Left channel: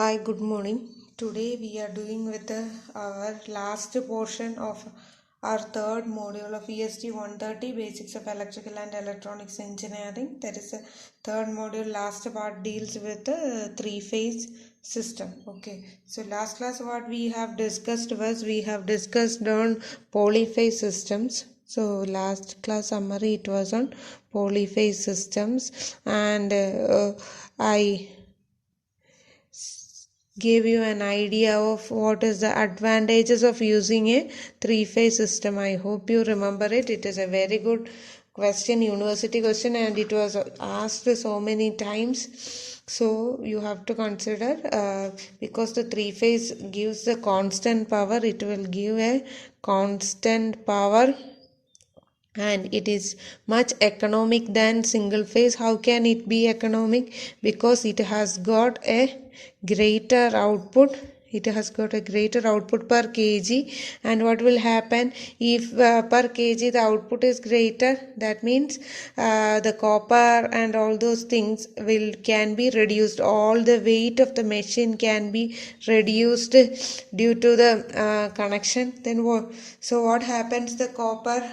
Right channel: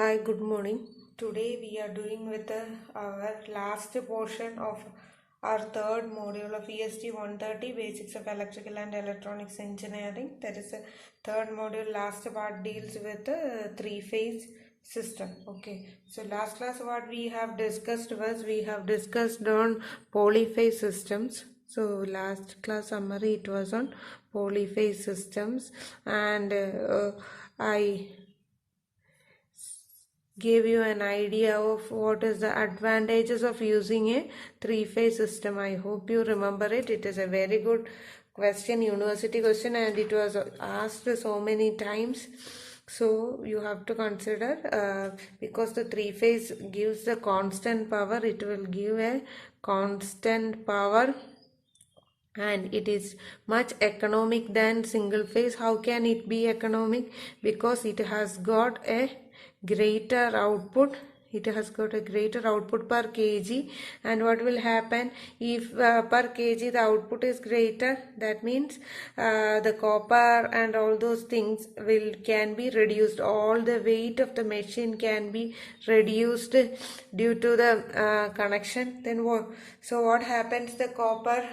Hi, good morning. Today we are doing with our last portion of our third module of EST 130 Basics of Electrical and Electronics Engineering. That is the third module. Last part deals with the three-phase system. Okay, so last class what we have discussed was we have discussed on polyphase systems. So last class summary it was on polyphase systems, and I gave you an idea of what is the advantages of using a three-phase system. I hope you remember it. It is a very good question, university question, and it was asked so many times. So you have to consider because the three-phase gives the constant power, it will give a constant power and it is much economic than single phase. How can it be economic? Because it has got a greater output. It has got a greater output per kg, and what will happen if per kg the output is greater? That means the copper and all those things can be reduced. All the weight of the machine can be reduced due to the connection. Then what happens? The copper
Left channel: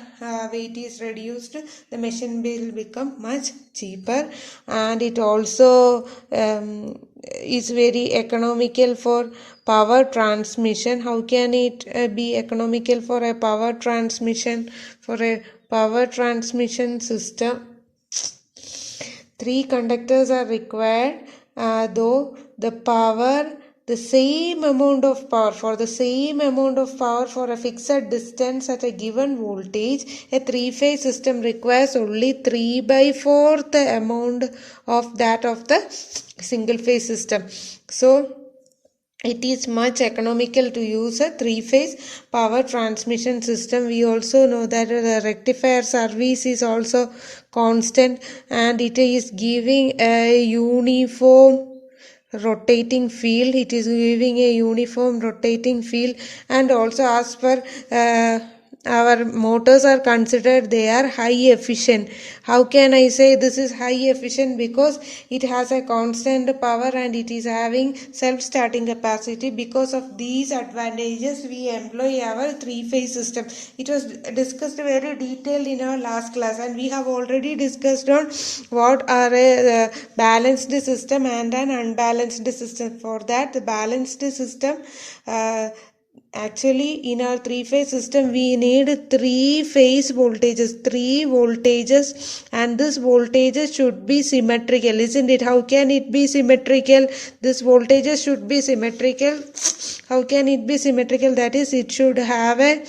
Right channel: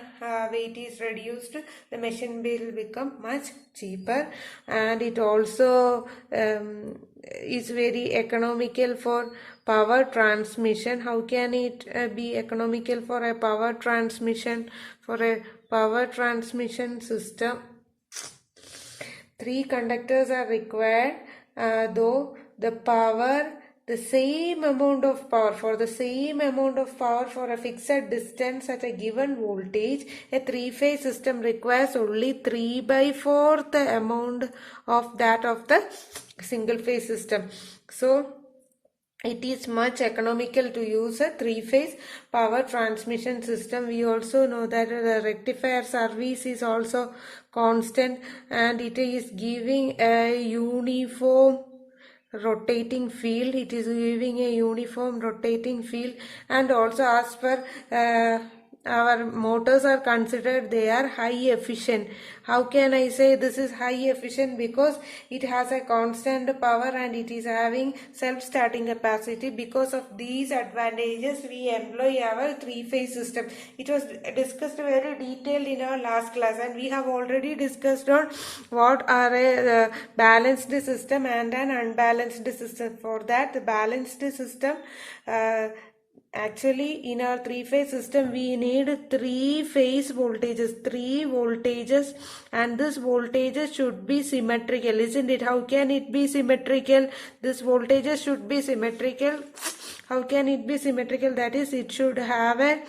weight is reduced, the machine will become much cheaper, and it also is very economical for power transmission. How can it be economical for a power transmission? For a power transmission system, 3 conductors are required, though the same amount of power for a fixed distance at a given voltage, a three-phase system requires only 3/4 the amount of that of the single-phase system. So it is much economical to use a three-phase power transmission system. We also know that the rectifier service is also constant, and it is giving a uniform rotating field. It is giving a uniform rotating field, and also as per our motors are considered, they are high efficient. How can I say this is high efficient? Because it has a constant power and it is having self-starting capacity. Because of these advantages we employ our three-phase system. It was discussed very detailed in our last class, and we have already discussed on what are a balanced system and an unbalanced system. For that, the balanced system, actually in our three-phase system we need three voltages, and this voltages should be symmetrical, isn't it? How can it be symmetrical? This voltages should be symmetrical. How can it be symmetrical? That is, it should have a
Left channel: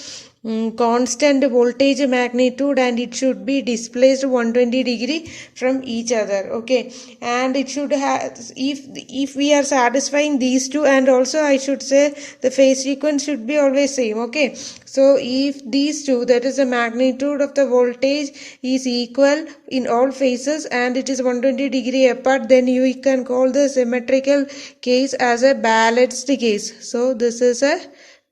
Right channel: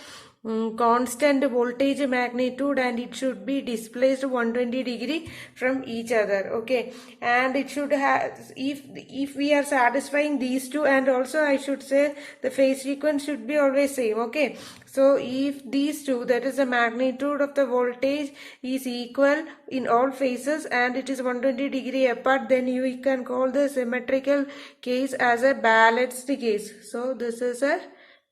constant voltage magnitude, and it should be displaced 120 degree from each other. Okay, and it should have, if we are satisfying these two, and also I should say the phase sequence should be always same. Okay, so if these two, that is the magnitude of the voltage, is equal in all phases and it is 120 degree apart, then you can call the symmetrical case as a balanced case. So this is a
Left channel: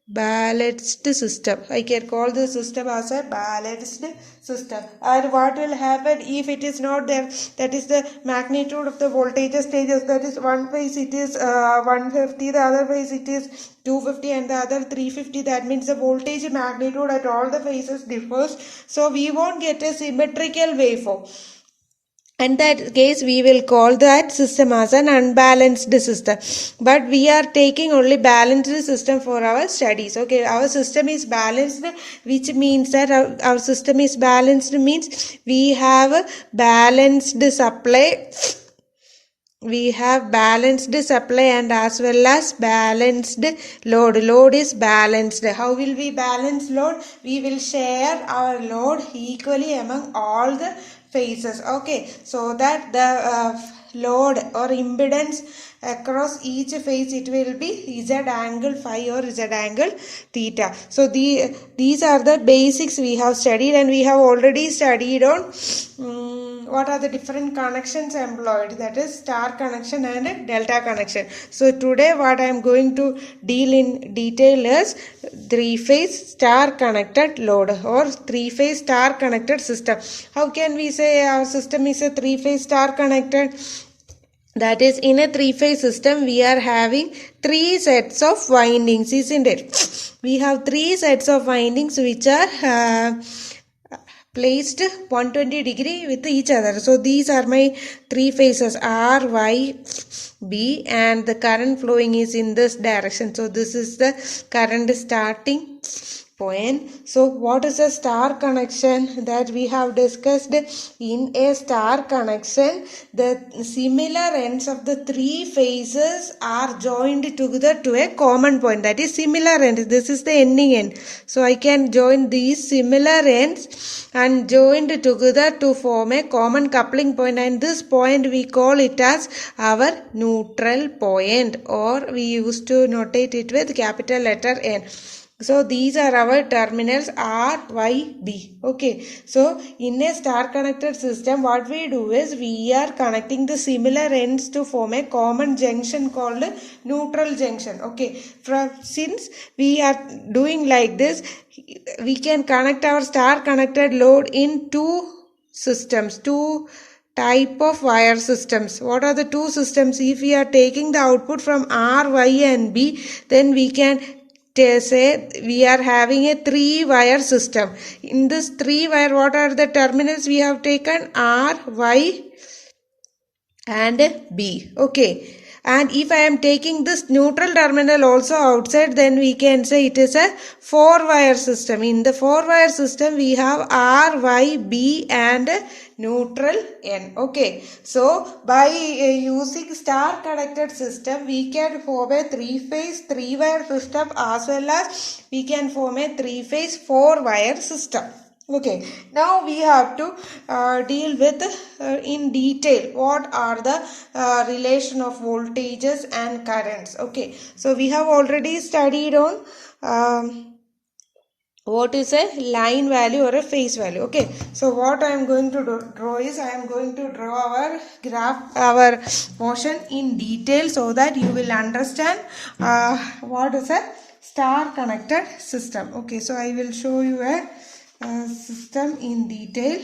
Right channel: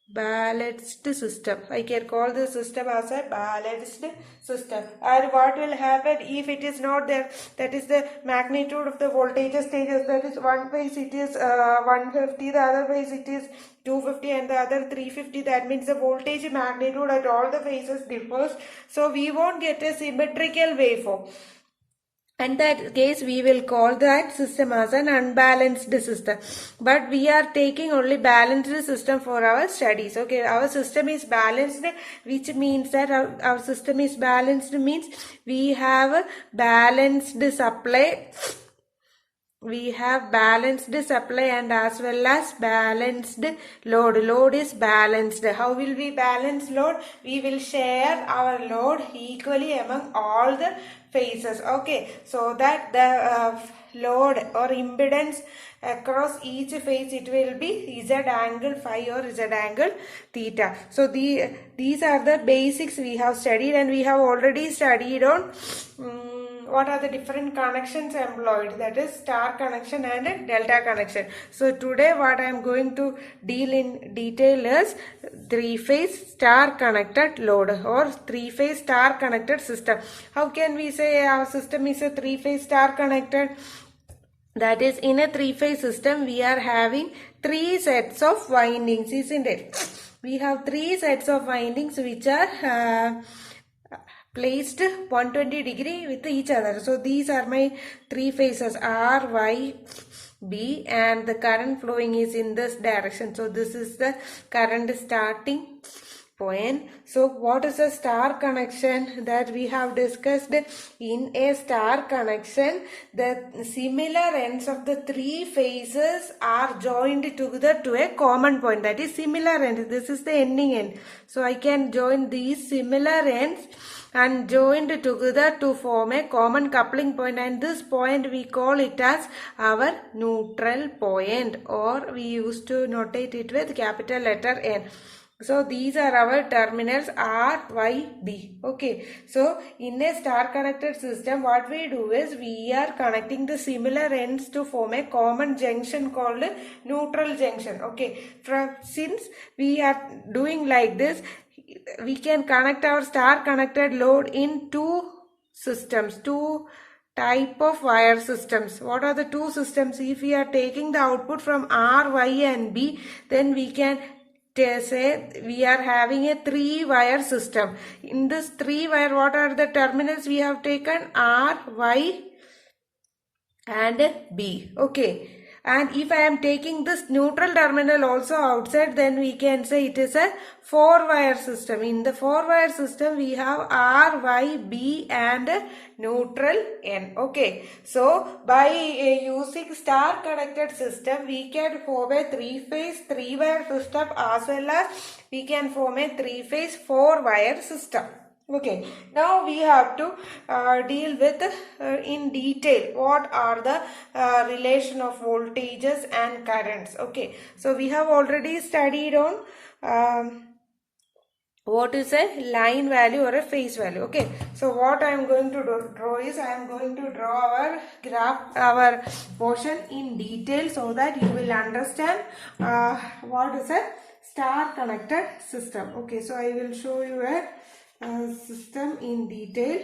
balanced system. I can call the system as a balanced system. And what will happen if it is not there? That is the magnitude of the voltage changes. That is, one phase it is 150, the other phase it is 250, and the other 350. That means the voltage magnitude at all the phases differs. So we won't get a symmetrical waveform. In that case, we will call that system as an unbalanced system. But we are taking only balanced system for our studies. Okay, our system is balanced, which means that our system is balanced means we have a balanced supply. We have balanced supply and as well as balanced load. Load is balanced. How will we balance load? We will share our load equally among all the phases. Okay, so that the load or impedance across each phase, it will be Z angle phi or Z angle theta. So these are the basics we have studied, and we have already studied on what are the different connections employed, that is star connection and delta connection. So today what I am going to deal in detail is three-phase star connected load or three-phase star connected system. How can we say our system is a three-phase star connected? That is, in a three-phase system, we are having three sets of windings, isn't it? We have three sets of windings which are placed 120 degree with each other. So these are my three phases R, Y, B, and the current flowing is in this direction. So this is the current starting point. So what is a star connection that we have discussed? In a star connection, the similar ends of the three phases are joined together to a common point, that is similar end. This is the ending end, so I can join these similar ends and joined together to form a common coupling point, and this point we call it as our neutral point, or we used to notate it with capital letter N. So these are our terminals R, Y, B. Okay. So in a star connected system, what we do is we are connecting the similar ends to form a common junction called neutral junction. Okay. Since we are doing like this, we can connect our star connected load in two systems, two type of wire systems. What are the two systems? If we are taking the output from R, Y and B, then we can say we are having a three wire system. In this three wire, what are the terminals we have taken? R, Y and B. Okay. And if I am taking this neutral terminal also outside, then we can say it is a four wire system. In the four wire system, we have R, Y, B and neutral N. Okay. So by using star connected system, we can form a three-phase three-wire system, as well as we can form a three-phase four-wire system. Okay, now we have to deal with in detail what are the relation of voltages and currents. Okay, so we have already studied on what is a line value or a phase value. Okay, so what I am going to draw is I am going to draw our graph, our motion in detail, so that you will understand what is a star connected system. Okay, so I will show you a system in detail.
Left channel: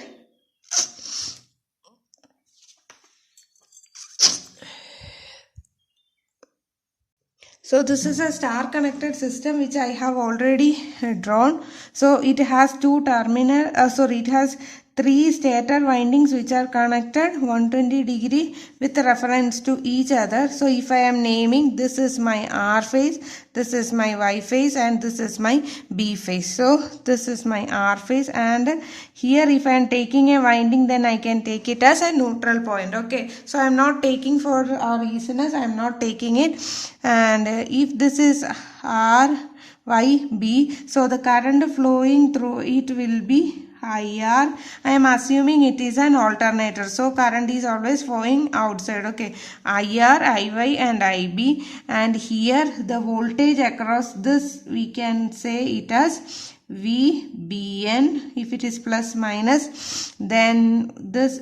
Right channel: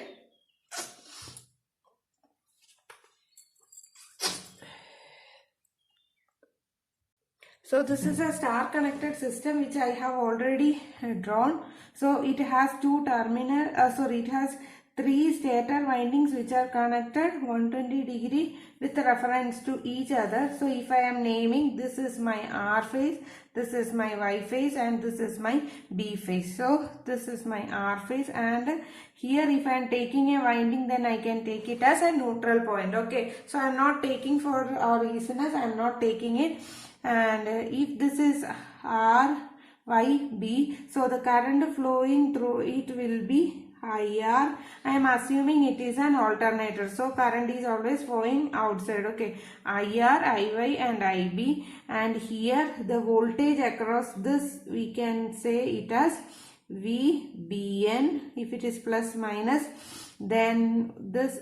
So this is a star connected system which I have already drawn. So it has two terminal, it has three stator windings which are connected 120 degree with reference to each other. So if I am naming, this is my R phase, this is my Y phase and this is my B phase. So this is my R phase, and here if I am taking a winding, then I can take it as a neutral point. Okay, so I am not taking, for our easiness, I am not taking it. And if this is R, Y, B, so the current flowing through it will be IR. I am assuming it is an alternator, so current is always flowing outside. Okay, IR, IY and IB, and here the voltage across this we can say it as VBN. If it is plus minus, then this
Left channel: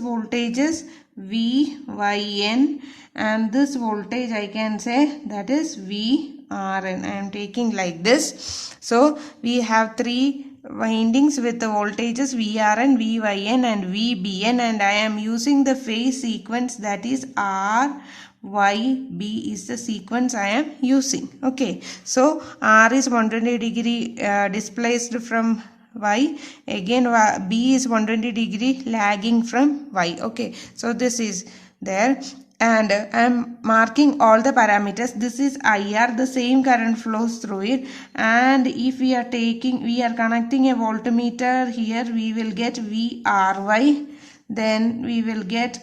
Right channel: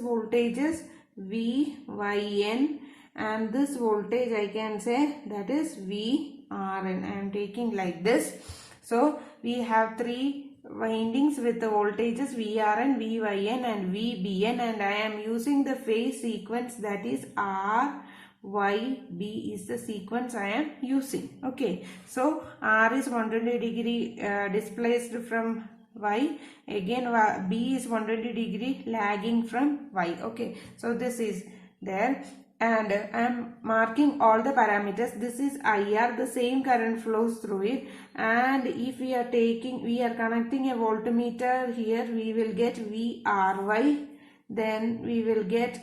voltage is VYN, and this voltage I can say that is VRN. I am taking like this. So we have three windings with the voltages VRN, VYN and VBN, and I am using the phase sequence, that is R, Y, B is the sequence I am using. Okay, so R is 120 degree displaced from Y, again B is 120 degree lagging from Y. Okay, so this is there, and I am marking all the parameters. This is IR, the same current flows through it, and if we are connecting a voltmeter here, we will get VRY, then we will get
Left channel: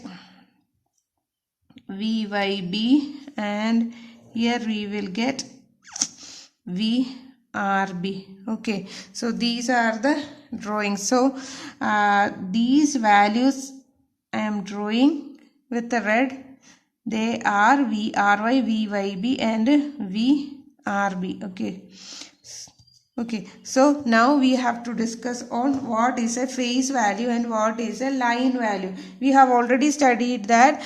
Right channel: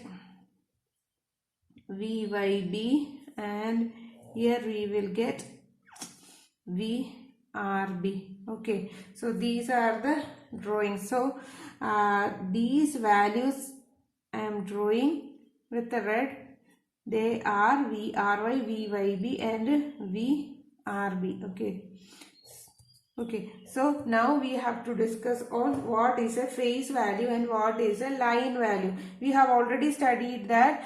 VYB, and here we will get VRB. Okay, so these are the drawings. So these values I am drawing with the red. They are VRY, VYB and VRB. Okay. Okay, so now we have to discuss on what is a phase value and what is a line value. We have already studied that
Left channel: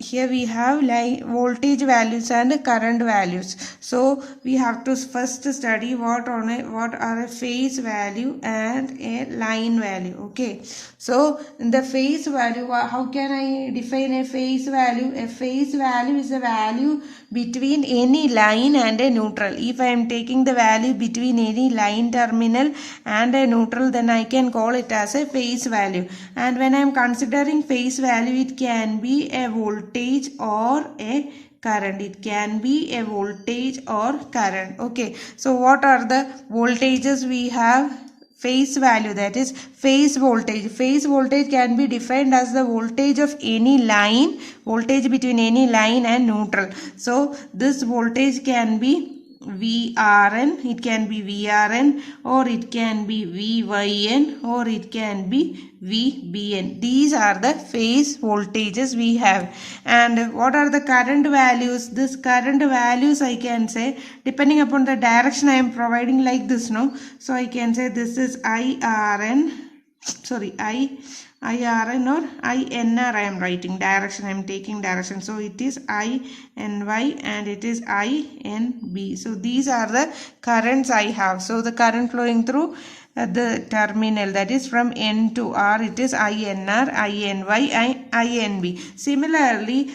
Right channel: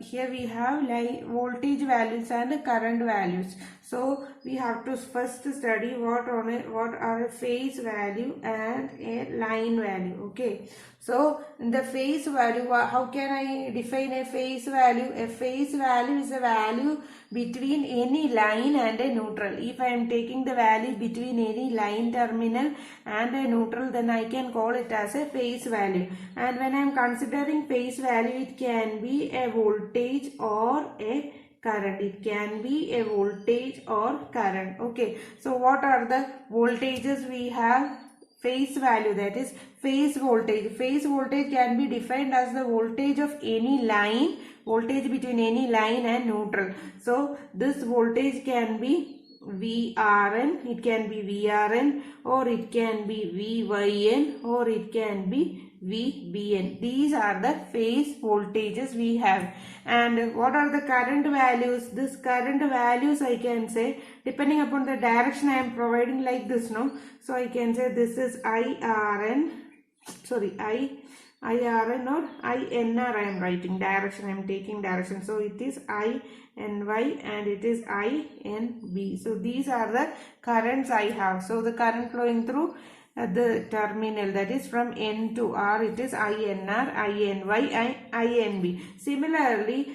here we have voltage values and current values. So we have to first study what are a phase value and a line value. Okay, so the phase value, how can I define a phase value? A phase value is a value between any line and a neutral. If I am taking the value between any line terminal and a neutral, then I can call it as a phase value. And when I am considering phase value, it can be a voltage or a current. It can be a voltage or current. Okay, so what are the voltages we have? Phase value, that is phase voltage. Phase voltage can be defined as the voltage of any line, voltage between any line and neutral. So this voltage can be VRN, it can be VRN, or it can be VYN, or it can be VBN. These are the phase voltages we have. And what are the current values? This current values I can say depending upon the direction I am providing, like this, no? So I can say this is IRN, sorry, IRN or INR I am writing, direction I am taking direction. So it is INY and it is INB. So these are the currents I have. So the current flowing through the terminal, that is from N to R, it is INR, INY, INB. Similarly,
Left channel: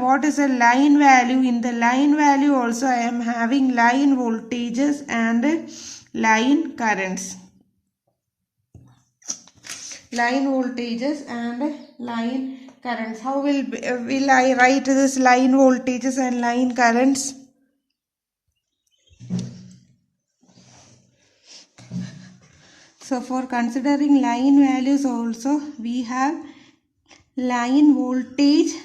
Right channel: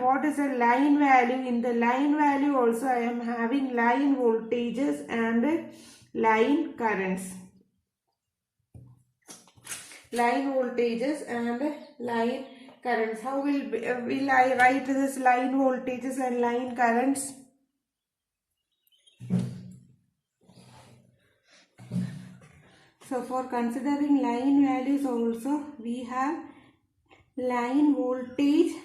what is a line value? In the line value also I am having line voltages and line currents. Line voltages and line currents. How will I write this line voltages and line currents? So for considering line values also, we have line voltage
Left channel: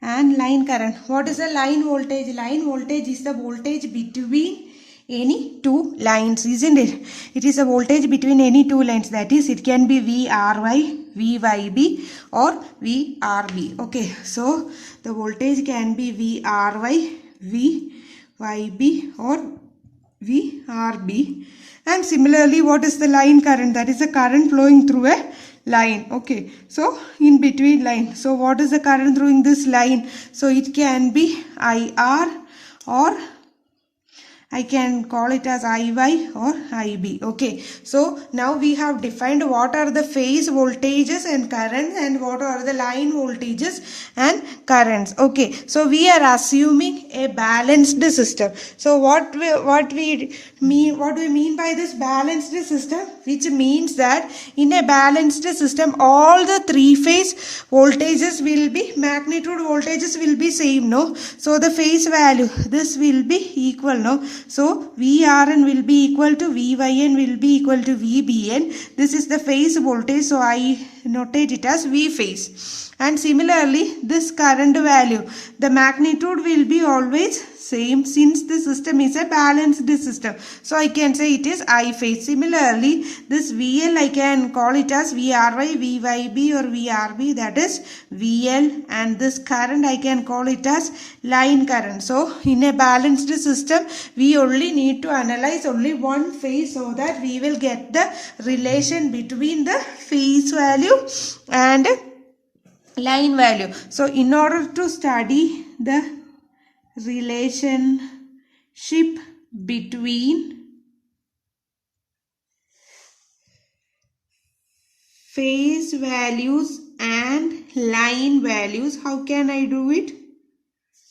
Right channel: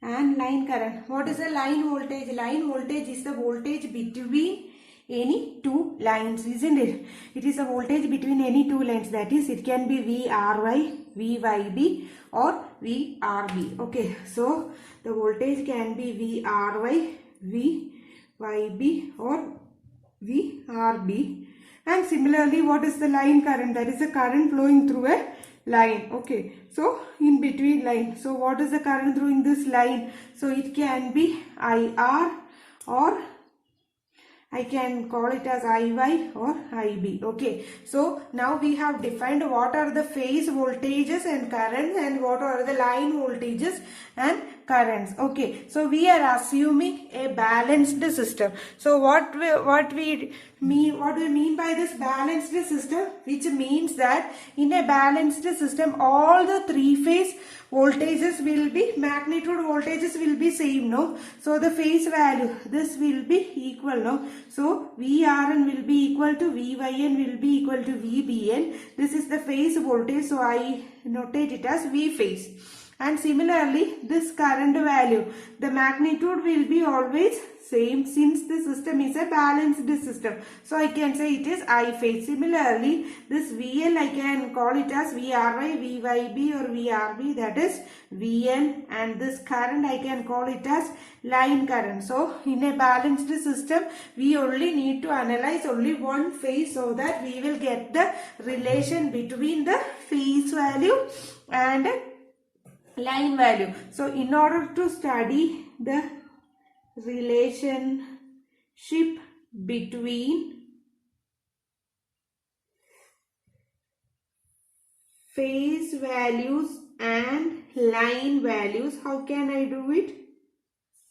and line current. What is a line voltage? Line voltage is the voltage between any two lines, isn't it? It is a voltage between any two lines, that is it can be VRY, VYB or VRB. Okay, so the voltage can be VRY, VYB or VRB. And similarly, what is the line current? That is the current flowing through a line. Okay, so in between line. So what is the current through this line? So it can be IR or I can call it as IY or IB. Okay, so now we have defined what are the phase voltages and currents and what are the line voltages and currents. Okay, so we are assuming a balanced system. So what we mean by this balanced system, which means that in a balanced system all the three phase voltages will be, magnitude voltages will be same, no? So the phase value, this will be equal, no? So VRN will be equal to VYN will be equal to VBN. This is the phase voltage, so I notate it as V phase. And similarly, this current value, the magnitude will be always same since the system is a balanced system. So I can say it is I phase. Similarly, this VL I can call it as VRY, VYB or VRB, that is VL, and this current I can call it as line current. So in a balanced system, we only need to analyze only one phase so that we will get the relation between the phase value and line value. So in order to study the relationship between phase values and line values, how can I do it?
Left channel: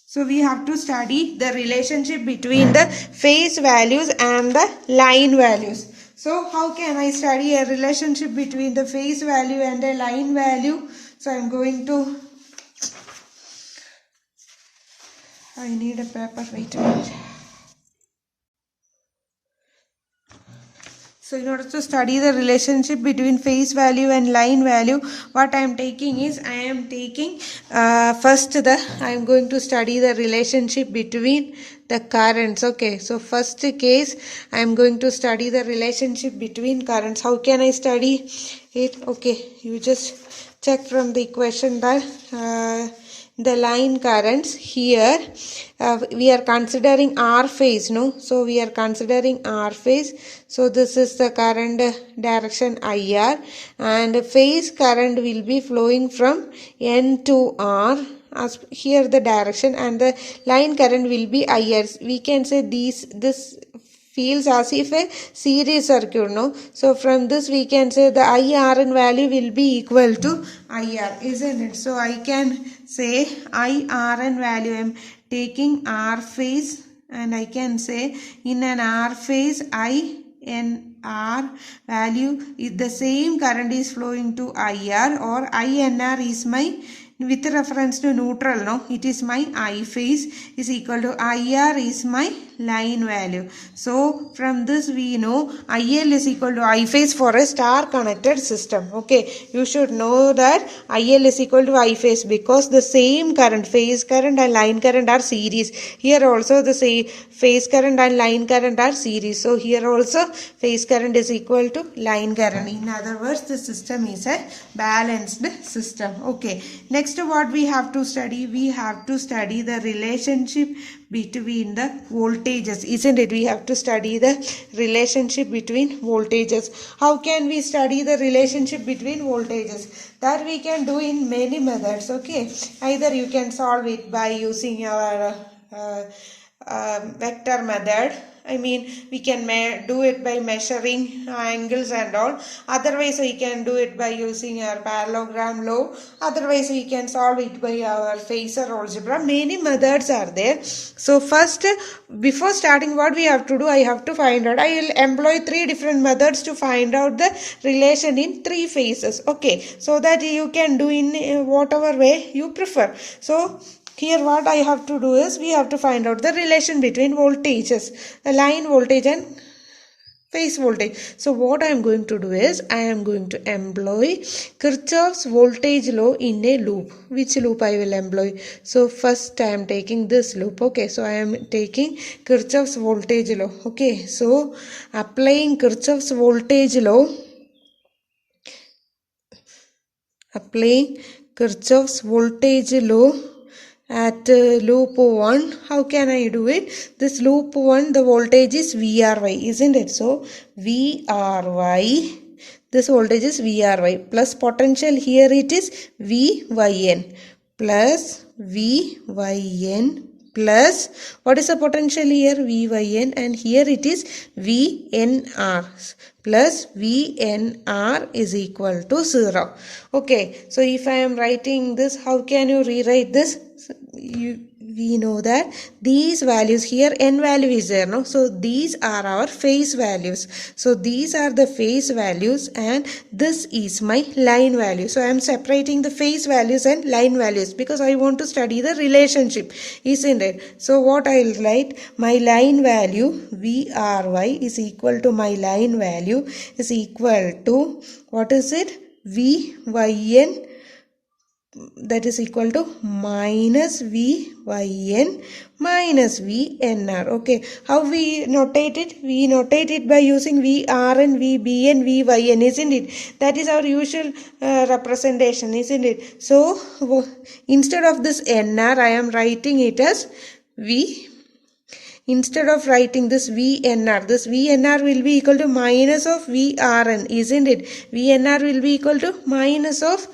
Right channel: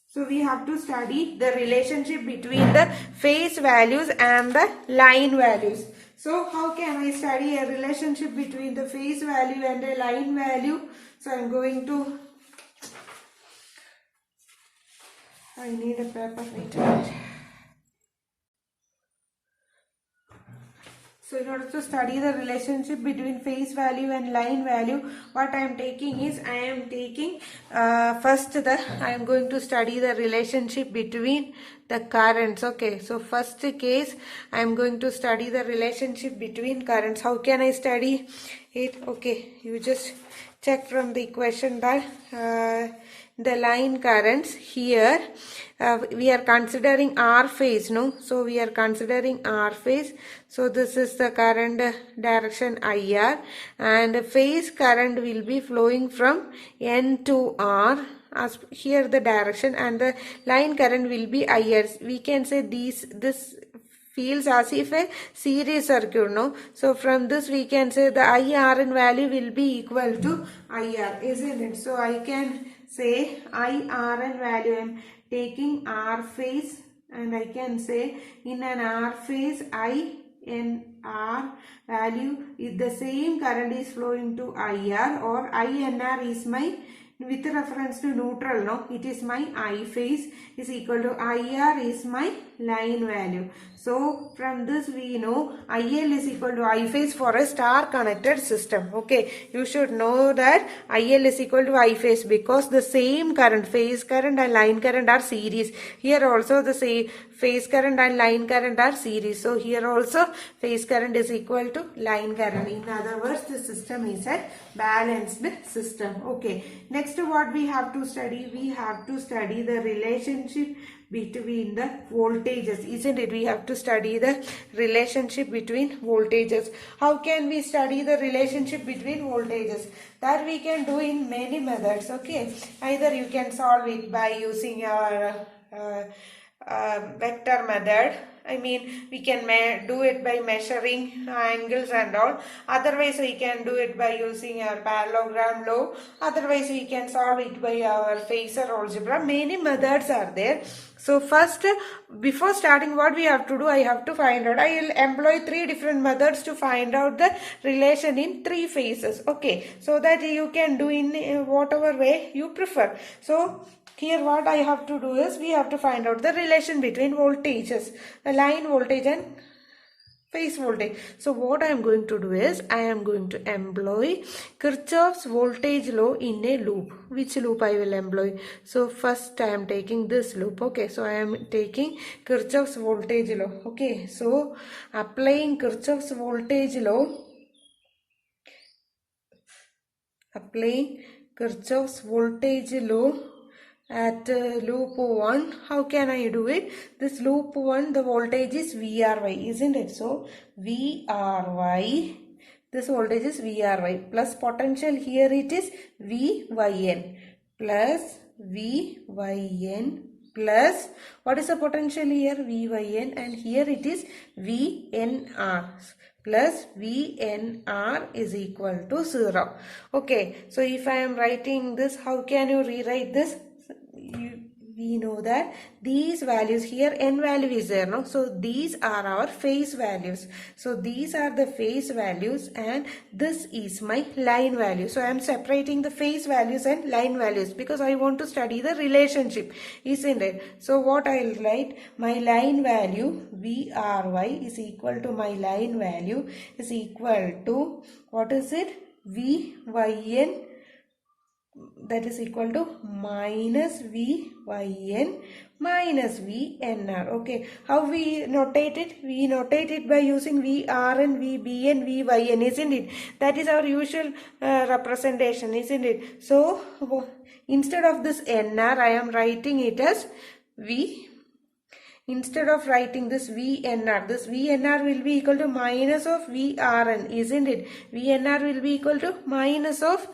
So we have to study the relationship between the phase values and the line values. So how can I study a relationship between the phase value and a line value? So I'm going to, I need a paper, wait a minute. So in order to study the relationship between phase value and line value, what I am taking is, I am taking I am going to study the relationship between the currents. Okay, so first case, I am going to study the relationship between currents. How can I study it? Okay, you just check from the equation that the line currents here. We are considering R phase, no? So we are considering R phase. So this is the current direction IR, and phase current will be flowing from N to R as here the direction, and the line current will be IR. We can say this feels as if a series circuit, no? So from this we can say the IRN value will be equal to IR, isn't it? So I can say IRN value, I am taking R phase, and I can say in an R phase INR value is the same current is flowing to IR, or INR is my, with reference to neutral, no, it is my I phase is equal to IR is my line value. So from this we know IL is equal to I phase for a star connected system. Okay, you should know that IL is equal to I phase because the same current, phase current and line current are series. Here also the same phase current and line current are series. So here also phase current is equal to line current. In other words, the system is a balanced system. Okay, next what we have to study? We have to study the relationship between the voltages, isn't it? We have to study the relationship between voltages. How can we study the relationship between voltages? That we can do in many methods. Okay, either you can solve it by using your vector method. I mean, we can do it by measuring angles and all. Otherwise, we can do it by using our parallelogram law. Otherwise, we can solve it by our phasor algebra. Many methods are there. So first, before starting, what we have to do, I have to find out. I will employ 3 different methods to find out the relation in 3 phases. Okay, so that you can do in whatever way you prefer. So here what I have to do is, we have to find out the relation between voltages, the line voltage and phase voltage. So what I am going to do is, I am going to employ Kirchhoff's voltage law in a loop. Which loop I will employ? So first I am taking this loop. Okay, so I am taking Kirchhoff's voltage law. Okay, so applying Kirchhoff's voltage law, at loop 1, how can I do it? This loop 1, the voltage is VRY, isn't it? So VRY, this voltage is VRY, plus potential here it is VYN, plus VYN, plus what is the potential here? VYN, and here it is VNR, plus VNR is equal to 0. Okay, so if I am writing this, how can you rewrite this? We know that these values here, n value is there, no? So these are our phase values. So these are the phase values, and this is my line value. So I am separating the phase values and line values because I want to study the relationship, isn't it? So what I will write, my line value VRY is equal to my line value is equal to, what is it? VYN, that is equal to minus VYN minus VNR. Okay, how we notate it? We notate it by using VRN, VBN, VYN, isn't it? That is our usual representation, isn't it? So instead of this NR, I am writing it as V. Instead of writing this VNR, this VNR will be equal to minus of VRN, isn't it? VNR will be equal to minus of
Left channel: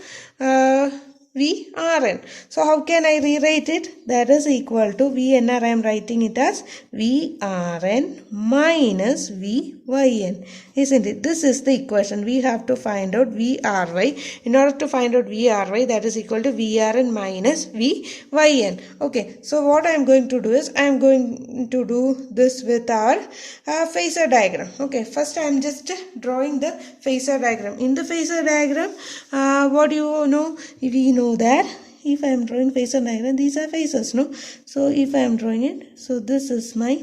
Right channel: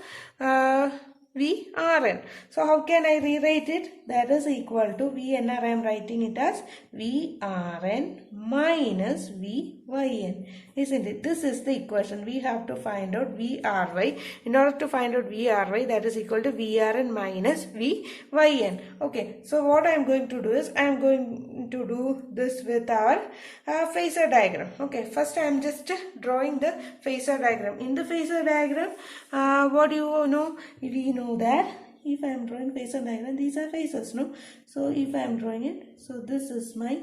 VRN. So how can I rewrite it? That is equal to VNR. I am writing it as VRN minus VYN, isn't it? This is the equation. We have to find out VRY. In order to find out VRY, that is equal to VRN minus VYN. Okay, so what I am going to do is, I am going to do this with our phasor diagram. Okay, first I am just drawing the phasor diagram. In the phasor diagram, what do you know? We know that if I am drawing phasor diagram, these are phasors, no? So if I am drawing it, so this is my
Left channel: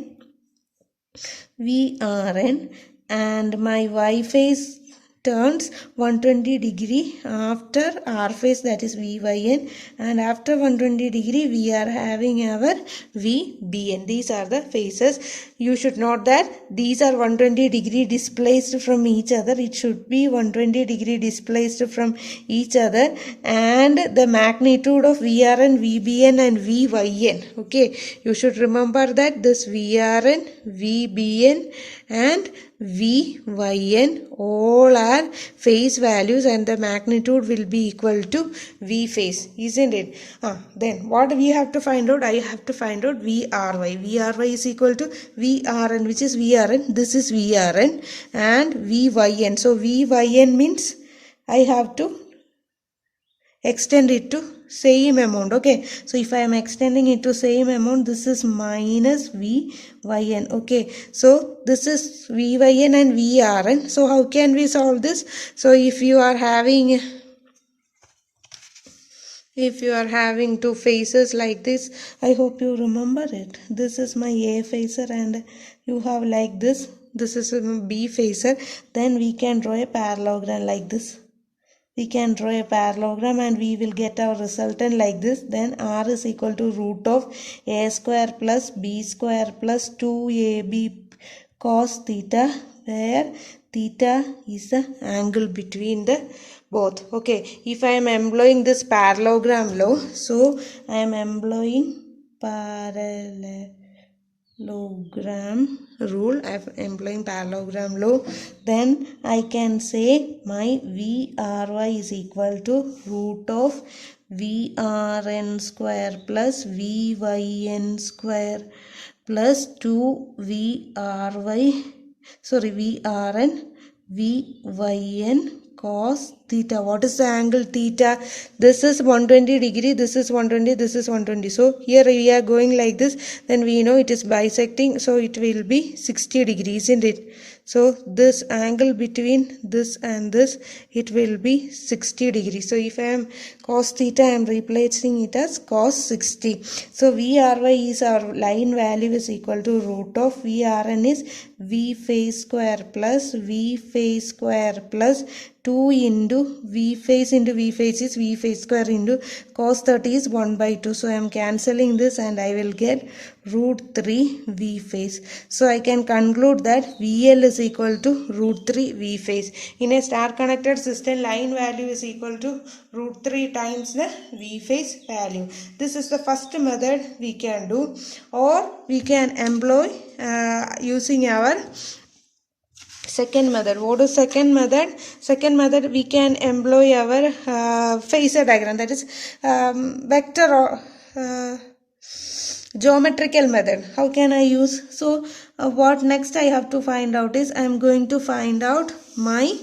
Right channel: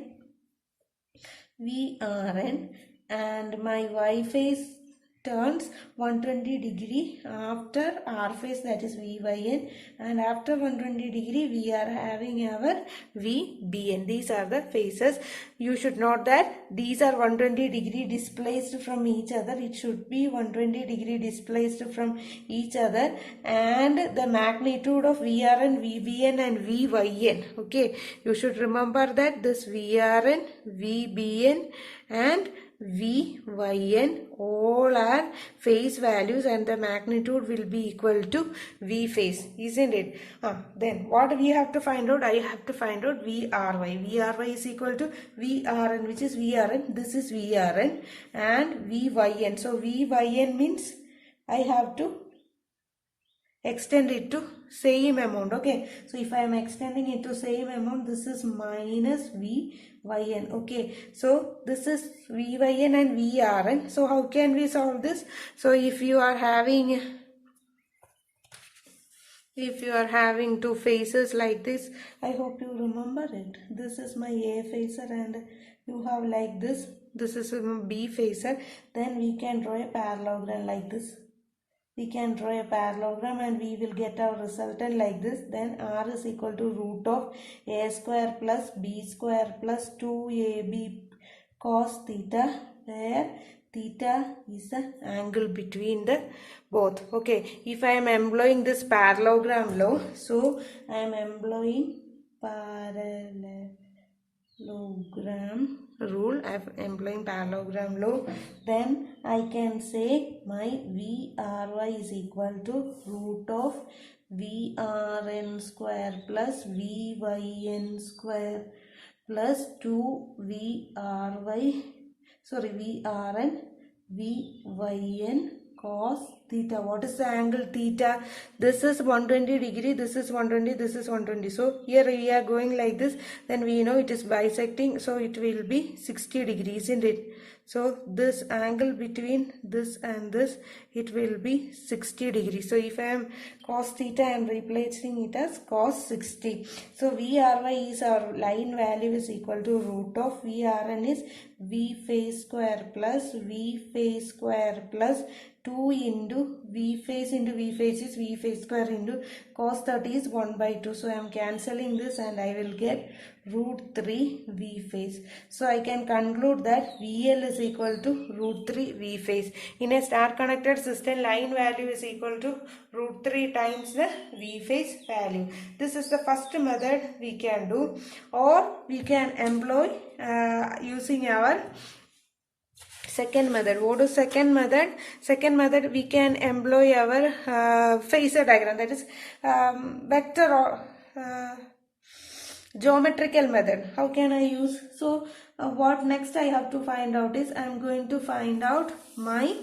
VRN, and my Y phase turns 120 degree after R phase, that is VYN, and after 120 degree we are having our VBN. These are the phases. You should note that these are 120 degree displaced from each other. It should be 120 degree displaced from each other, and the magnitude of VRN, VBN and VYN. Okay, you should remember that this VRN, VBN and VYN all are phase values, and the magnitude will be equal to V phase, isn't it? Then what we have to find out? I have to find out VRY. VRY is equal to VRN, which is VRN. This is VRN, and VYN. So VYN means I have to extend it to same amount. Okay, so if I am extending it to same amount, this is minus VYN. Okay, so this is VYN and VRN. So how can we solve this? So if you are having two phases like this, I hope you remember it. This is my A phaser and you have like this. This is a B phaser. Then we can draw a parallelogram like this. We can draw a parallelogram and we will get our resultant like this. Then R is equal to root of A square plus B square plus 2AB cos theta, where theta is the angle between the both. Okay, if I am employing this parallelogram law, so I am employing parallelogram rule. I am employing parallelogram law. Then I can say my VRY is equal to root of VRN square plus VYN square plus 2VRN VYN cos theta. What is the angle theta? This is 120 degree, this is 120, this is 120. So here we are going like this, then we know it is bisecting, so it will be 60 degrees, isn't it? So this angle between this and this, it will be 60 degrees. So if I am cos theta, I am replacing it as cos 60. So VRY is our line value is equal to root of VRN is V phase square plus V phase square plus 2 into V phase is V phase square into cos 30 is 1 by 2. So I am cancelling this and I will get root 3 V phase. So I can conclude that VL is equal to root 3 V phase. In a star connected system, line value is equal to root 3 times the V phase value. This is the first method we can do, or we can employ using our second method. What is second method? Second method, we can employ our phasor diagram, that is vector or geometrical method. How can I use? So what next I have to find out is, I am going to find out my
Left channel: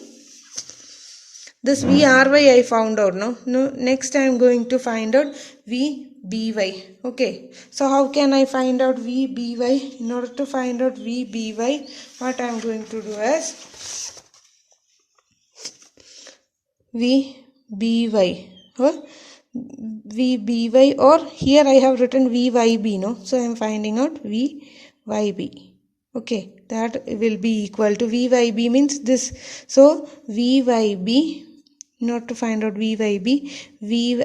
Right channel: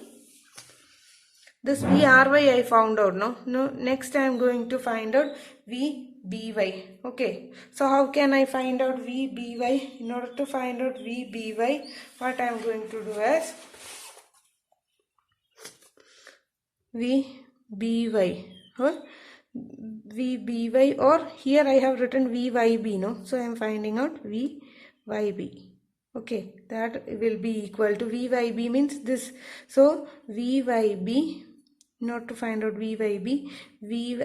this VRY I found out. No, next I am going to find out VBY. Okay, so how can I find out VBY? In order to find out VBY, what I am going to do is VBY. VBY, or here I have written VYB, no? So I am finding out VYB. Okay, that will be equal to VYB means this. So VYB, not to find out VYB,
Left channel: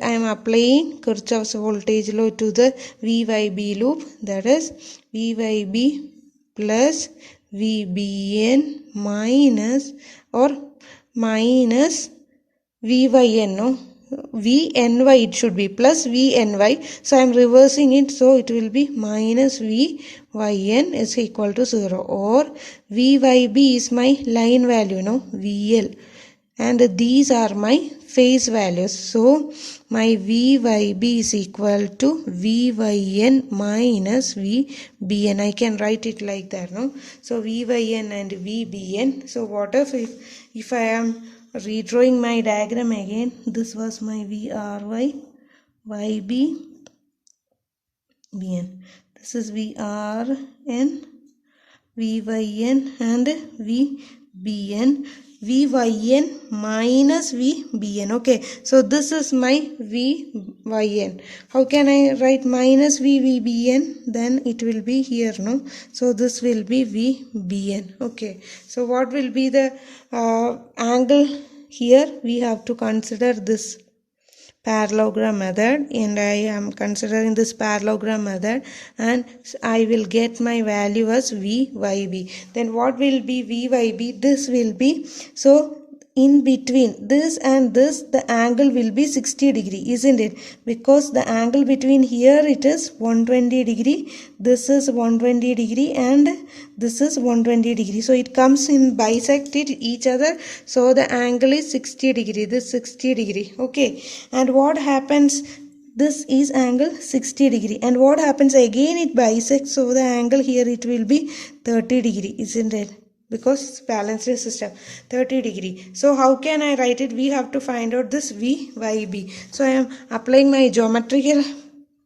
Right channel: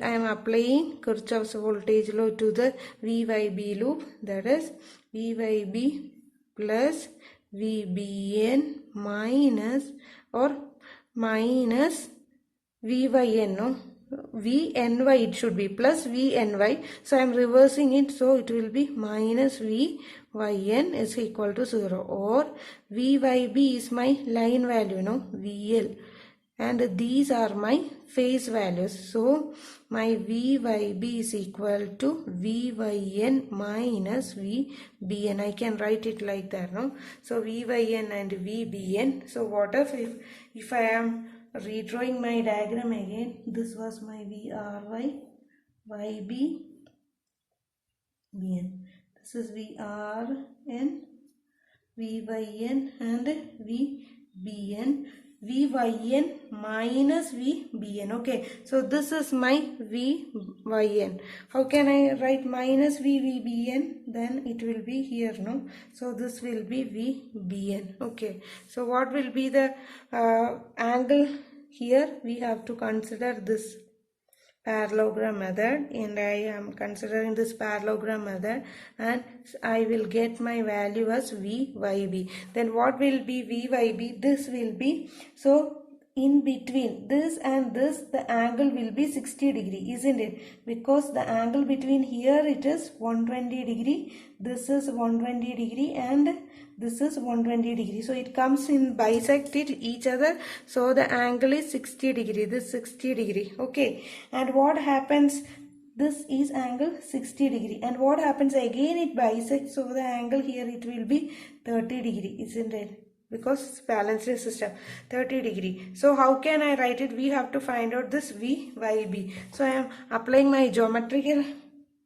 I am applying Kirchhoff's voltage law to the VYB loop, that is VYB plus VBN minus VYN, no? VNY it should be plus VNY. So I am reversing it, so it will be minus VYN is equal to 0, or VYB is my line value, no? VL, and these are my phase values. So my VYB is equal to VYN minus VBN. I can write it like that, no? So VYN and VBN. So what if I am redrawing my diagram again? This was my VRY, YB, BN. This is VRN, VYN and VBN, VYN minus VBN. Okay, so this is my VYN. How can I write minus VBN? Then it will be here, no? So this will be VBN. Okay, so what will be the angle here? We have to consider this parallelogram method, and I am considering this parallelogram method, and I will get my value as VYB. Then what will be VYB? This will be, so in between this and this, the angle will be 60 degree, isn't it? Because the angle between here it is 120 degree, this is 120 degree, and this is 120 degree. So it comes in bisected each other. So the angle is 60 degree, this 60 degree. Okay, and what happens? This is angle 60 degree, and what happens again? It bisects, so the angle here it will be 30 degree, isn't it? Because it's balanced system, 30 degree. So how can I write it? We have to find out this VYB. So I am applying my geometrical.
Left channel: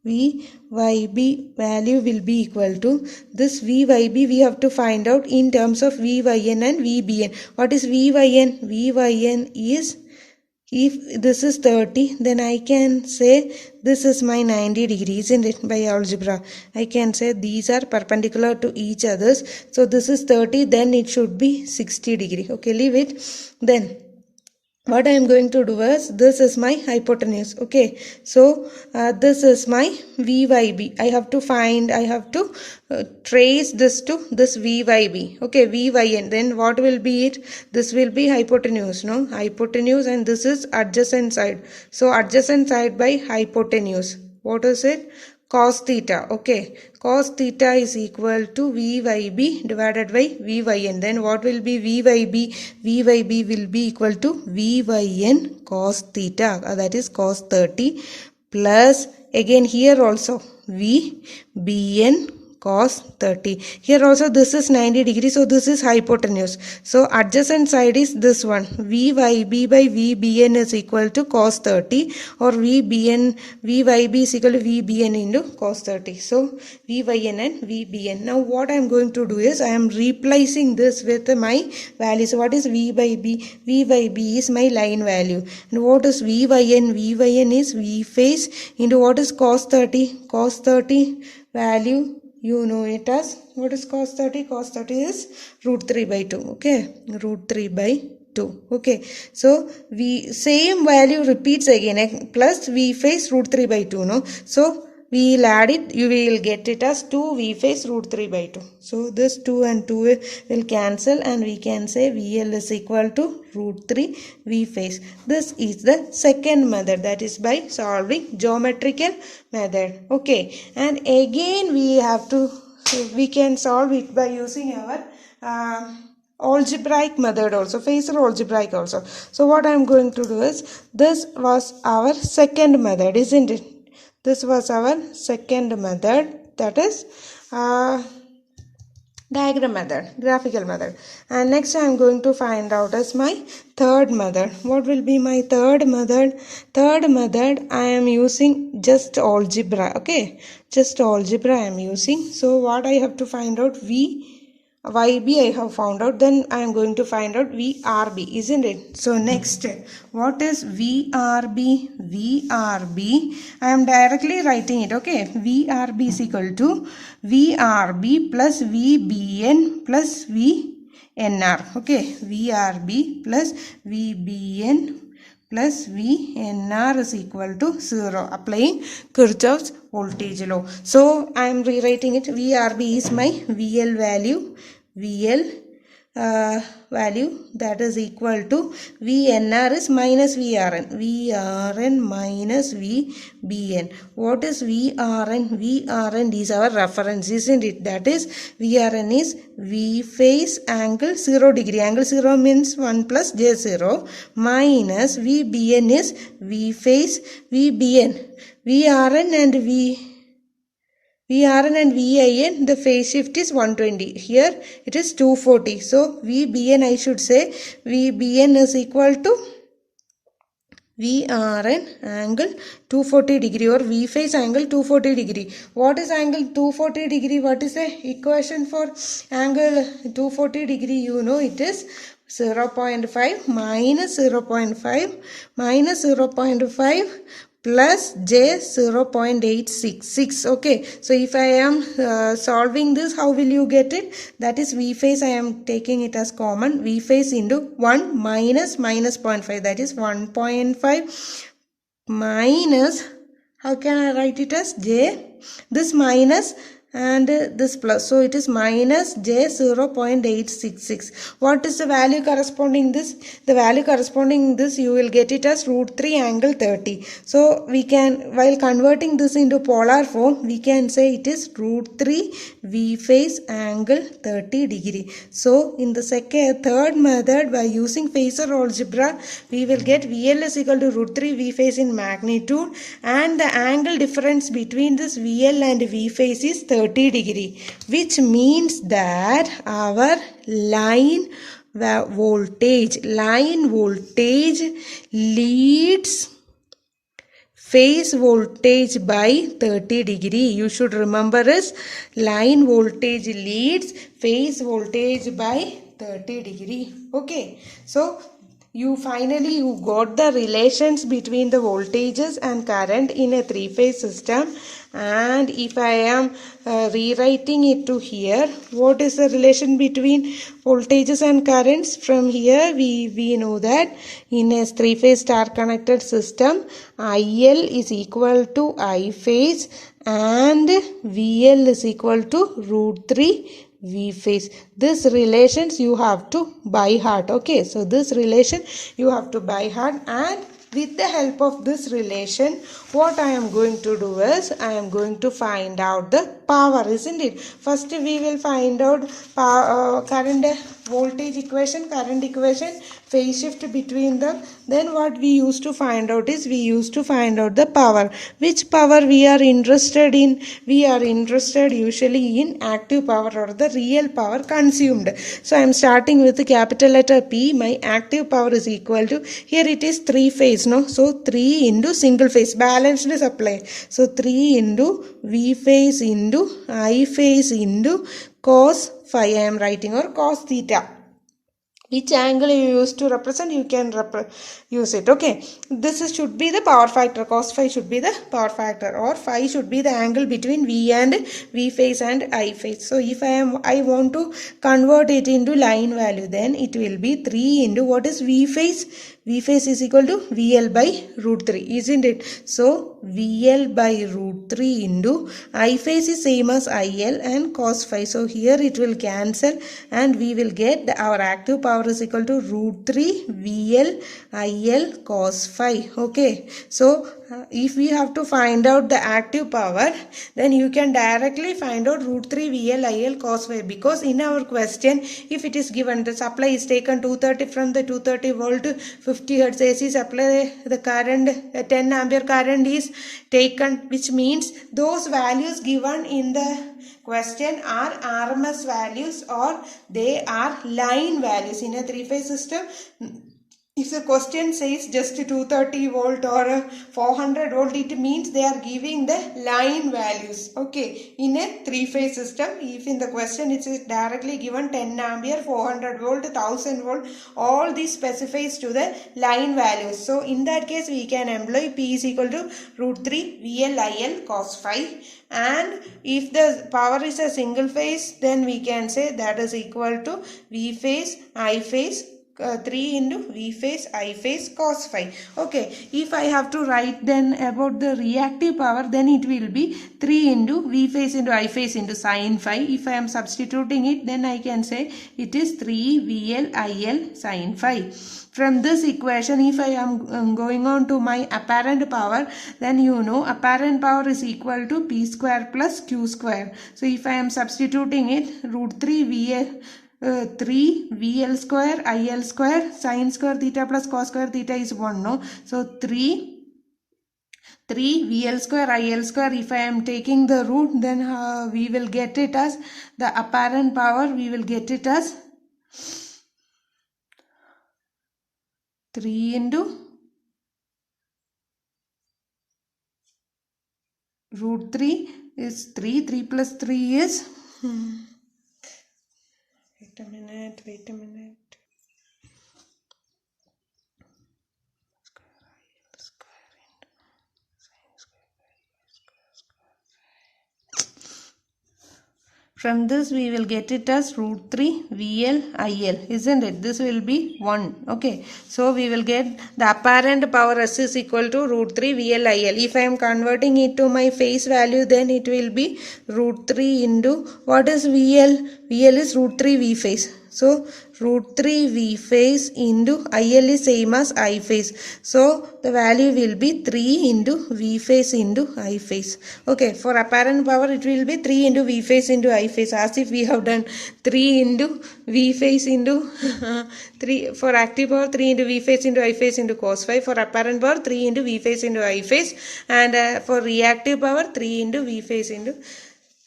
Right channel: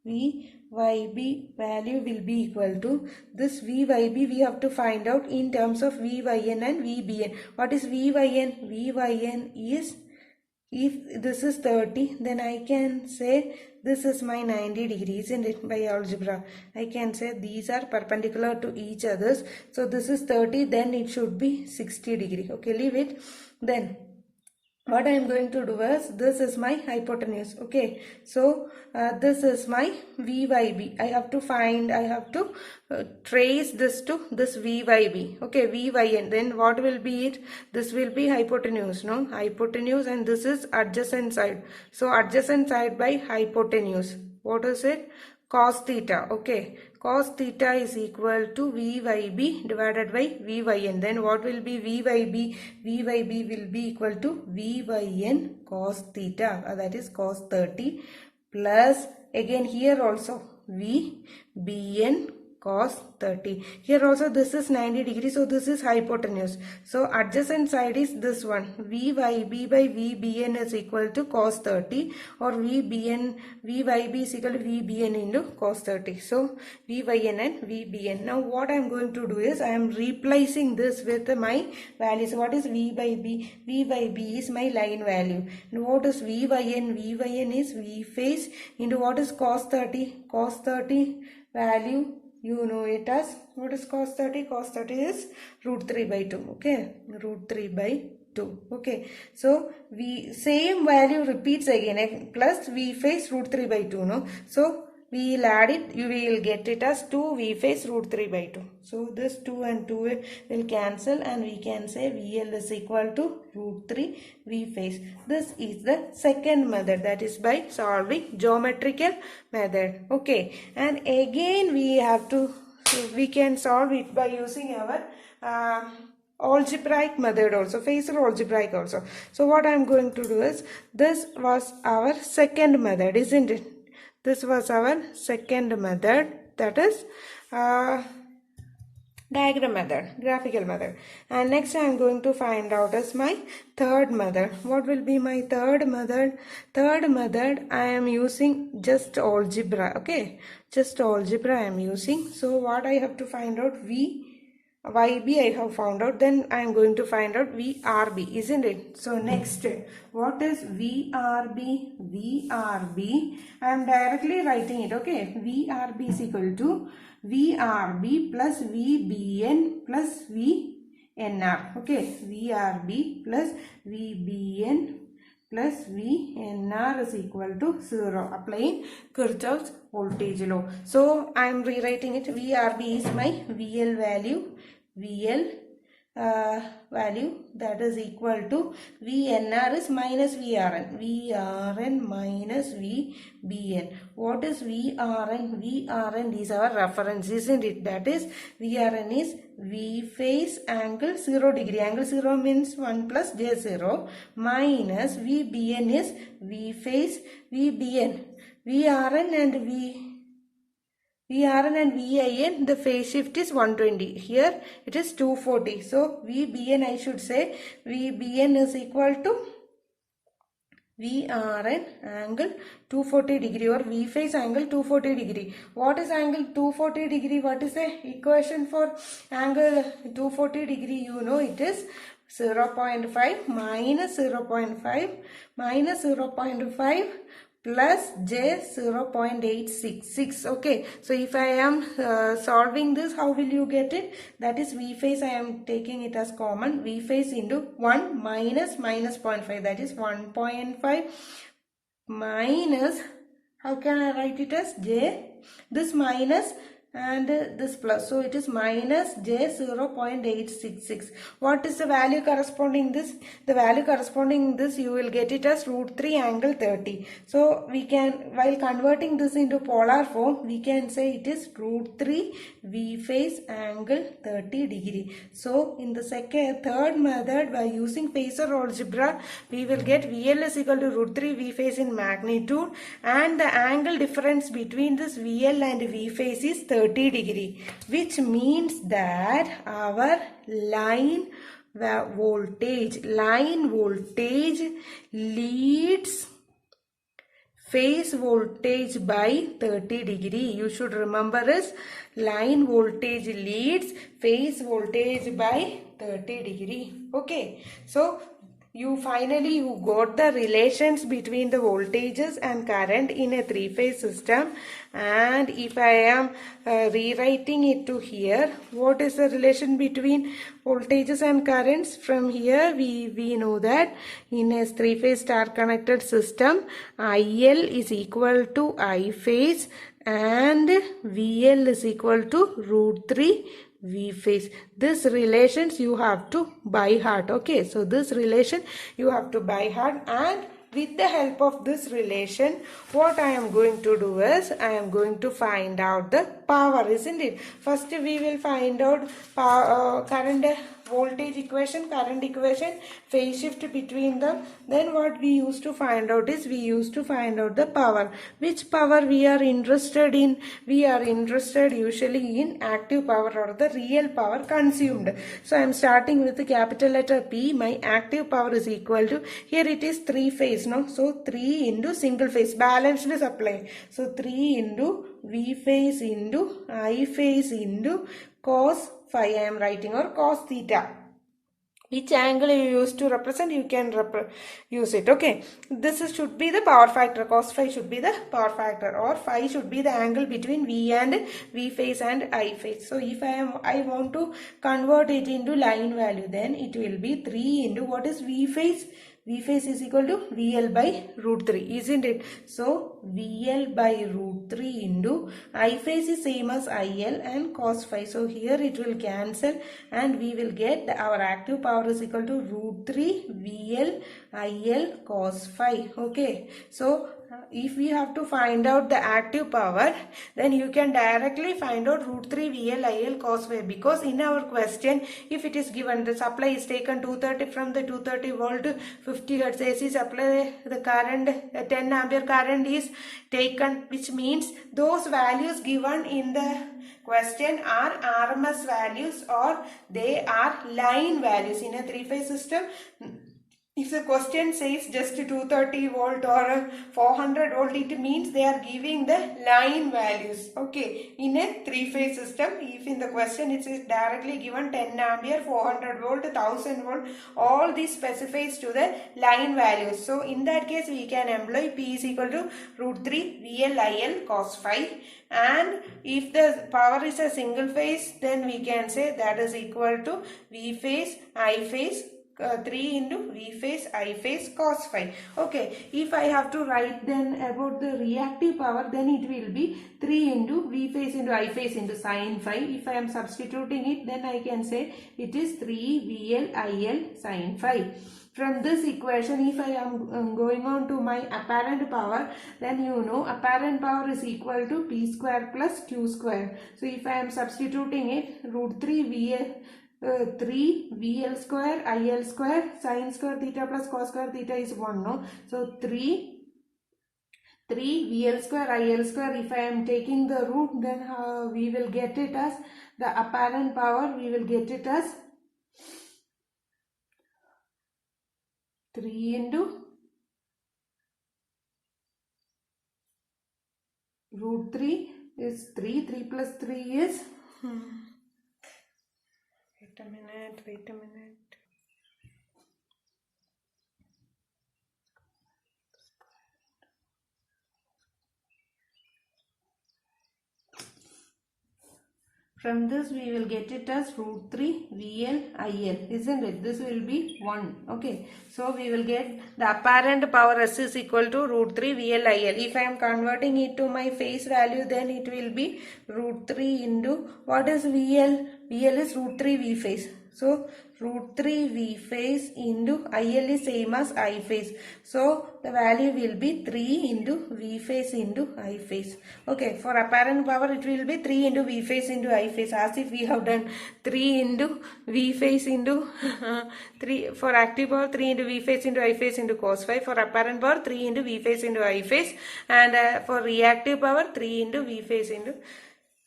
VYB value will be equal to this VYB. We have to find out in terms of VYN and VBN. What is VYN? VYN is, if this is 30, then I can say this is my 90 degrees, isn't it? By algebra, I can say these are perpendicular to each others. So this is 30, then it should be 60 degree. Okay, leave it. Then what I am going to do is, this is my hypotenuse. Okay, so this is my VYB. I have to trace this to this VYB. Okay, VYN. Then what will be it? This will be hypotenuse, no? Hypotenuse, and this is adjacent side. So adjacent side by hypotenuse. What is it? Cos theta. Okay, cos theta is equal to VYB divided by VYN. Then what will be VYB? VYB will be equal to VYN cos theta, that is cos 30, plus again here also VBN cos 30. Here also this is 90 degrees, so this is hypotenuse. So adjacent side is this one. VYB by VBN is equal to cos 30, or VYB is equal to VBN into cos 30. So VYN and VBN. Now what I am going to do is, I am replacing this with my value. So what is V by B? V by B is my line value. And what is VYN? VYN is V phase into what is cos 30? Cos 30 value, you know it as, what is cos 30? Cos 30 is root 3 by 2. Okay, root 3 by 2. Okay, so we same value repeats again, plus V phase root 3 by 2. No, so we will add it, you will get it as 2 V phase root 3 by 2. So this 2 and 2 will cancel, and we can say VL is equal to root 3 V phase. This is the second method, that is by solving geometrical method. Okay, and again we can solve it by using our algebraic method also, phasor algebraic also. So what I am going to do is, this was our second method, isn't it? This was our second method, that is diagram method, graphical method. And next I am going to find out as my third method. What will be my third method? Third method, I am using just algebra. Okay, just algebra I am using. So what I have to find out? YB I have found out, then I am going to find out VRB, isn't it? So next, what is VRB? VRB, I am directly writing it. Okay, VRB is equal to VRB plus VBN plus VNR. Okay, VRB plus VBN plus VNR is equal to 0, applying Kirchhoff's voltage law. So I am rewriting it. VRB is my VL value, value, that is equal to VNR is minus VRN minus VBN. What is VRN? VRN is our reference, isn't it? That is, VRN is V phase angle 0 degree. Angle 0 means 1 plus J0 minus VBN is V phase VBN. VRN and VIN, the phase shift is 120. Here it is 240. So VBN, I should say VBN is equal to VRN angle 240 degree, or V phase angle 240 degree. What is angle 240 degree? What is the equation for angle 240 degree? You know it is 0.5 minus 0.5 minus 0.5 plus j 0.866. Okay, so if I am solving this, how will you get it? That is V phase, I am taking it as common. V phase into 1 minus minus 0.5, that is 1.5 minus, how can I write it as j, this minus and this plus, so it is minus j 0.866. What is the value corresponding this? The value corresponding this, you will get it as root 3 angle 30. So we can, while converting this into polar form, we can say it is root 3 V phase angle 30 degree. So in the third method, by using phasor algebra, we will get VL is equal to root 3 V phase in magnitude, and the angle difference between this VL and V phase is 30 degree, which means that our line voltage leads phase voltage by 30 degree. You should remember is line voltage leads phase voltage by 30 degree. Okay, so you got the relations between the voltages and current in a three-phase system. And if I am rewriting it to here, what is the relation between voltages and currents? From here we know that in a three-phase star connected system, IL is equal to I phase and VL is equal to root 3 V phase. This relations you have to by heart. Okay, so this relation you have to by heart, and with the help of this relation, what I am going to do is I am going to find out the power, isn't it? First we will find out current equation, phase shift between them. Then what we used to find out is we used to find out the power. Which power we are interested in? We are interested usually in active power or the real power consumed. So I am starting with the capital letter P. My active power is equal to, here it is 3 phase, no? So 3 into single phase, balanced supply. So 3 into V phase into I phase into cos phi I am writing, or cos theta. Which angle you use to represent, you can use it. Okay, this should be the power factor. Cos phi should be the power factor, or phi should be the angle between V and V phase and I phase. So if I want to convert it into line value, then it will be 3 into what is V phase? V phase is equal to VL by root 3, isn't it? So VL by root 3 into I phase is same as IL and cos phi. So here it will cancel and we will get our active power is equal to root 3 VL IL cos phi. Okay, so if we have to find out the active power, then you can directly find out root 3 VL IL cos phi, because in our question, if it is given the supply is taken 230 from the 230 volt 50 hertz AC supply, the current 10 ampere current is taken, which means those values given in the question are RMS values or they are line values. In a three-phase system, if the question says just 230 volt or 400 volt, it means they are giving the line values. Okay, in a three-phase system, if in the question it is directly given 10 ampere, 400 volt, 1000 volt, all these specifies to the line values. So in that case, we can employ P is equal to root 3 VL cos phi. And if the power is a single phase, then we can say that is equal to V phase I phase 3 into V phase I phase cos phi. Okay, if I have to write then about the reactive power, then it will be 3 into V phase into I phase into sin phi. If I am substituting it, then I can say it is 3 VL IL sin phi. From this equation, if I am going on to my apparent power, then you know apparent power is equal to P square plus Q square. So if I am substituting it, root 3 VL 3 VL square IL square sin square theta plus cos square theta is 1, no? So 3 VL square IL square, if I am taking the root, then we will get it as the apparent power, we will get it as 3 into root 3 is 3 plus 3 is wait a minute. From this we will get it as root 3 VL IL, isn't it? This will be 1. Okay. So we will get the apparent power S is equal to root 3 VL IL. If I am converting it to my phase value, then it will be root 3 into, what is VL? VL is root 3 V phase. So root 3 V phase into IL is same as I phase. So the value will be 3 into V phase into I phase. Okay, for apparent power it will be 3 into V phase into I phase, as if we have done 3 into V phase into 3 for active power, 3 into V phase into I phase into cos phi. For apparent power, 3 into V phase into I phase, and for reactive power, 3 into V phase into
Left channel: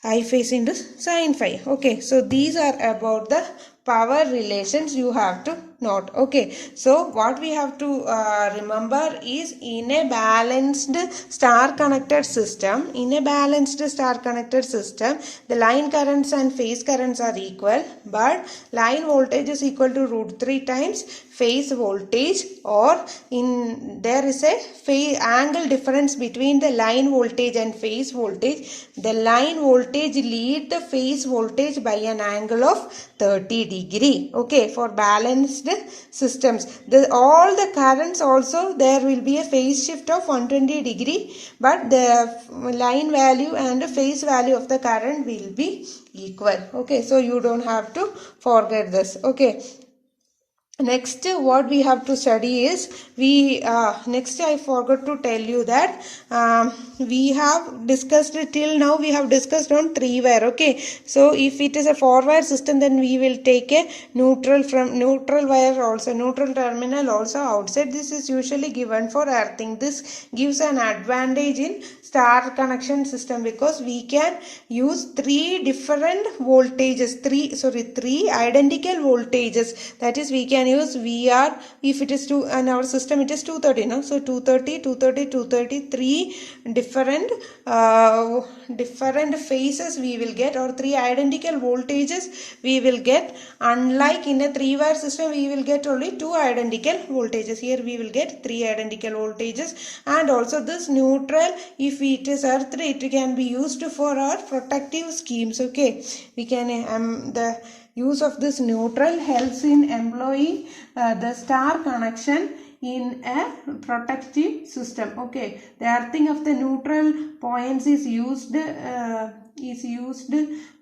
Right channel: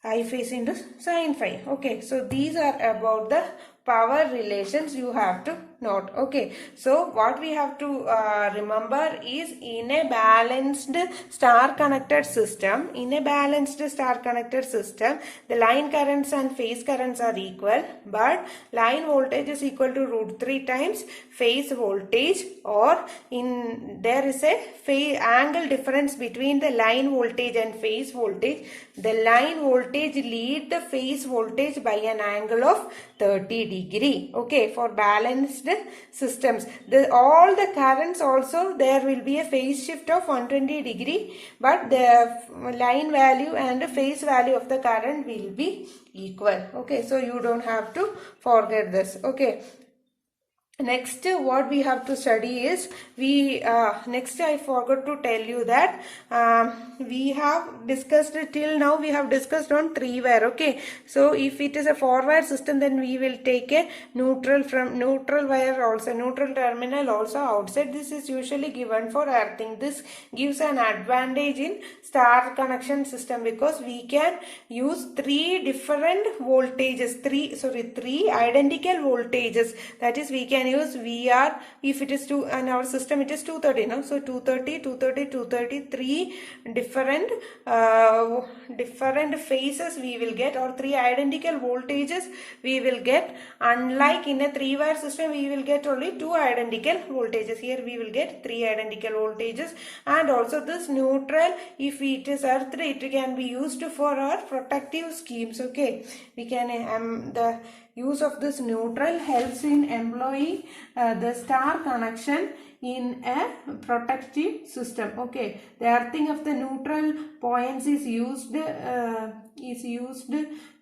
I phase into sin phi. Okay, so these are about the power relations you have to note. Okay, so what we have to remember is, in a balanced star connected system, the line currents and phase currents are equal, but line voltage is equal to root 3 times phase voltage, or there is a phase angle difference between the line voltage and phase voltage. The line voltage lead the phase voltage by an angle of 30 degree. Okay, for balanced systems, all the currents also, there will be a phase shift of 120 degree, but the line value and the phase value of the current will be equal. Okay, so you don't have to forget this. Okay. Next, what we have to study is, next I forgot to tell you that we have discussed till now, we have discussed on 3 wire. Okay, so if it is a 4 wire system, then we will take a neutral from neutral wire also, neutral terminal also outside. This is usually given for earthing. This gives an advantage in star connection system, because we can use 3 different voltages, 3 identical voltages. That is, we can use VR if it is in our system it is 230. No? So 230, 3 different phases we will get, or 3 identical voltages we will get. Unlike in a 3 wire system, we will get only 2 identical voltages. Here we will get 3 identical voltages. And also this neutral, if it is earthed, it can be used for our protective schemes. Okay, we can the use of this neutral helps in employing the star connection in a protective system. Okay, the earthing of the neutral points is used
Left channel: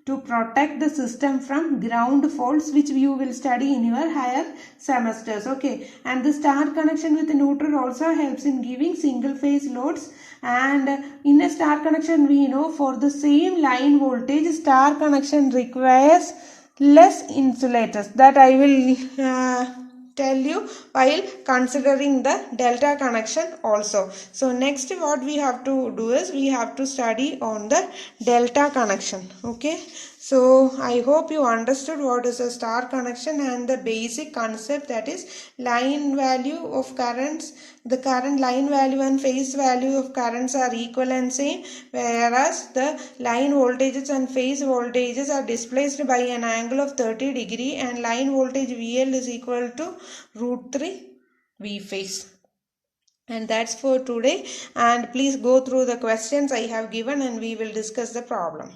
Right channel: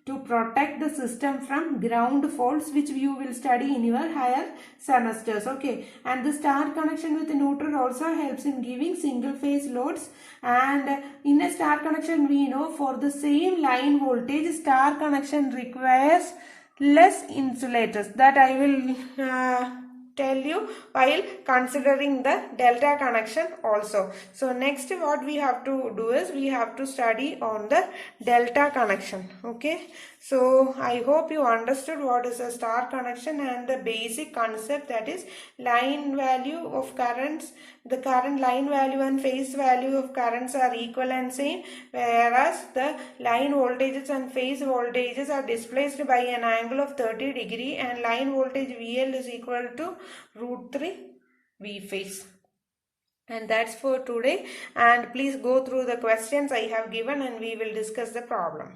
to protect the system from ground faults, which you will study in your higher semesters. Okay, and the star connection with the neutral also helps in giving single phase loads. And in a star connection, we know for the same line voltage, star connection requires less insulators. That I will tell you while considering the delta connection also. So next what we have to do is, we have to study on the delta connection. Okay, so I hope you understood what is a star connection and the basic concept, that is line value of currents, the current line value and phase value of currents are equal and same, whereas the line voltages and phase voltages are displaced by an angle of 30 degree, and line voltage VL is equal to root 3 V phase. And that's for today, and please go through the questions I have given and we will discuss the problem.